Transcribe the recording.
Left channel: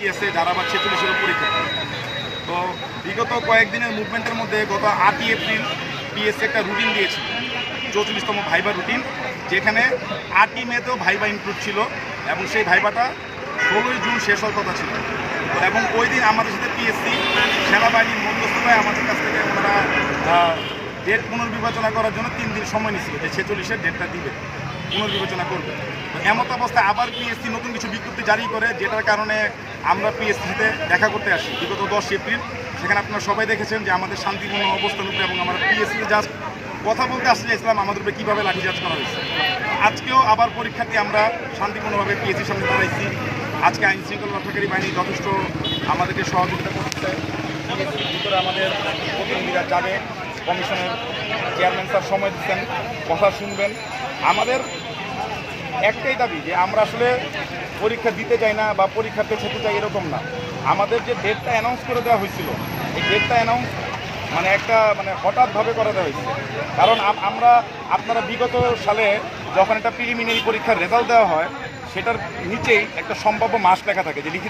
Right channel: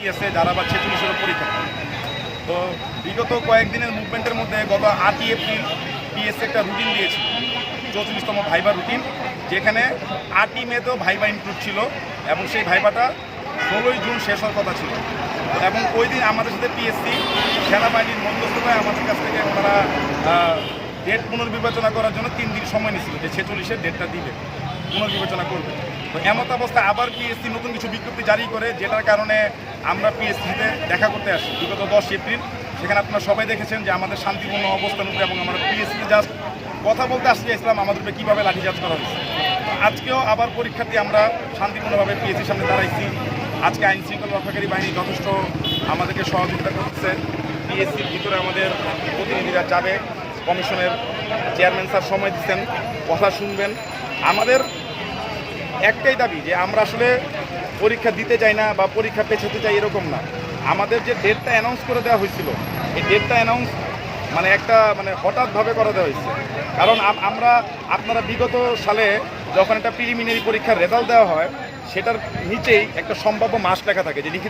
বাকি আছে, যারা আবার 46-এর পরীক্ষা। তো বিগত কয়েকদিনের মুভমেন্টের মধ্যে গত 8ই এপ্রিল পিএসসি একটা রুটিন দিয়েছিল, 44তম ভাইবা রুটিন, যেখানে 8ই মেতেও ভাইবা ইনক্লুড ছিল এবং সেই ভাইবাটা 16ই জুন শেষ হওয়ার কথা ছিল। এবং ওই দিন আমাদের সাথে পিএসসি সেনাবাহিনীর মধ্যস্থতায় আমাদের কাছ থেকে ওনারা ডেট পুনর্বিবেচনা করার জন্য 3 দিন সময় নিয়েছিল, যে 46-এর ডেটটা দিবে, পুনর্বিবেচনা করবে। এমত অবস্থায় আবার পিএসসি নতুন কিছু বিজ্ঞপ্তি জারি করে, যেটার কারণে আমরা পিএসসিতে দেখা করতে আসি বিগত 10 এপ্রিল। সেখানে আপনারা সবাই দেখেছেন যে আমাদের শান্তিপূর্ণ অবস্থান উপরে এবং আমরা পিএসসিতে জাস্ট কথা বলতে আসতে চাইছিলাম আমাদের উপরে কীভাবে লাঠিচার্জ করা হয়েছে। আজকেও আবার পরীক্ষার্থী আমরা শান্তিপূর্ণভাবে পিএসসির সামনে দাঁড়াইছি। আজকে আইন শৃঙ্খলা রক্ষাকারী বাহিনী যথেষ্ট আমাদেরকে সহযোগিতা করছে। পিএসসির ভিতরে আমাদের প্রতিনিধিরা যাবে, কমিশনের চেয়ারম্যান স্যার সময় দিচ্ছেন, কথা শুনবেন। আমাদের একটাই দাবি যে আমরা আসলে পরীক্ষা দিতে চাই না বা পরীক্ষাতে যেতে চাই এরকম না। আমাদের যে ডেটটা অ্যানাউন্স করে দেওয়া হয়েছিল, এই ডেটটা অ্যানাউন্স মানে হঠাৎভাবে করে দেওয়া হয়েছে। কারণ আপনারা বিগত সালে যখন একটা প্রিলিমিনারি পরীক্ষার রেজাল্ট দেওয়া হয়, সেটার নিচেই একটা সম্ভাব্য মাস লেখা থাকে, যে লিখিত